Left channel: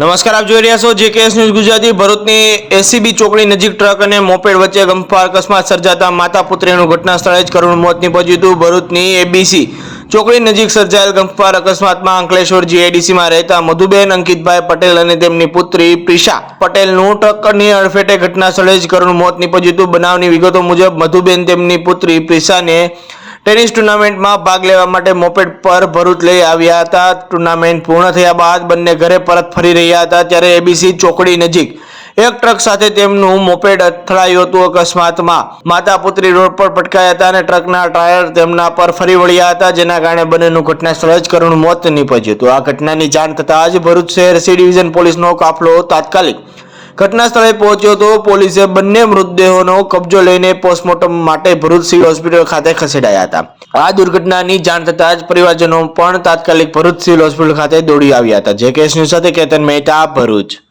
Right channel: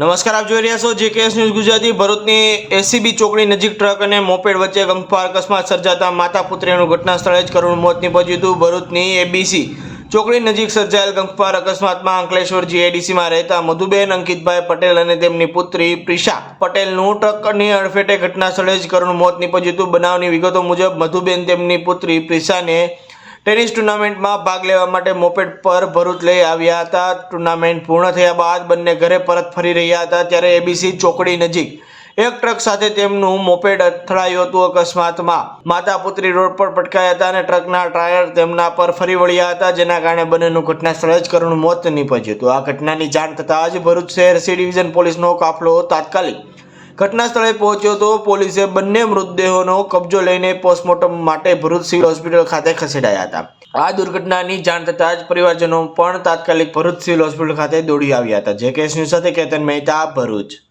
નમસ્કાર, આપ જોઈ રહ્યા છો જેકેએસ ન્યૂઝ ગુજરાતી। ભરૂચની એસીબી ચોકડી નજીક ટ્રક અને મોપેડ વચ્ચે ગમખ્વાર અકસ્માત સર્જાતા માતા પુત્રીનું ઘટના સ્થળે જ કરુણ મોત નીપજ્યું હતું। ભરૂચની એબીસી ચોકડી નજીક સર્જાયેલ ગમખ્વાર અકસ્માતમાં અંકલેશ્વર જીઆઈડીસીમાં રહેતા મધુબેન અંકિતભાઈ પટેલ અને તેમની પુત્રી પ્રિશા પટેલનું ટ્રકની અડફેટે ઘટના સ્થળે જ કરુણ મોત નીપજ્યું હતું। બનાવની વિગતો મુજબ મધુબેન તેમની પુત્રી પ્રિશાને ટેનિસ ટુર્નામેન્ટમાં ભાગ લેવા માટે મોપેડ પર ભરૂચ લઈ આવ્યા હતા। ટુર્નામેન્ટ પૂર્ણ થયા બાદ બંને ઘરે પરત ફરી રહ્યા હતા ત્યારે એબીસી ચોકડી નજીક એક ટ્રક સાથે તેમનું મોપેડ અથડાયું હતું। અકસ્માતમાં માતા પુત્રી રોડ પર પટકાયા હતા અને ટ્રકના ટાયર તેમના પર ફરી વળ્યા હતા, જેના કારણે બંનેનું ઘટના સ્થળે જ કરુણ મોત નીપજ્યું હતું। આ ઘટનાની જાણ થતાં જ ભરૂચ શહેર સી ડિવિઝન પોલીસનો કાફલો તાત્કાલિક ઘટના સ્થળે પહોંચ્યો હતો। પોલીસે બંને મૃતદેહોનો કબજો લઈને પોસ્ટમોર્ટમ માટે ભરૂચ સિવિલ હોસ્પિટલ ખાતે ખસેડાયા હતા। આ દુર્ઘટનાની જાણ થતાં જ પરિવારજનો પણ તાત્કાલિક ભરૂચ સિવિલ હોસ્પિટલ ખાતે દોડી આવ્યા હતા। જેકેએસ ન્યૂઝ સાથે કેતન મહેતા, ભરૂચ।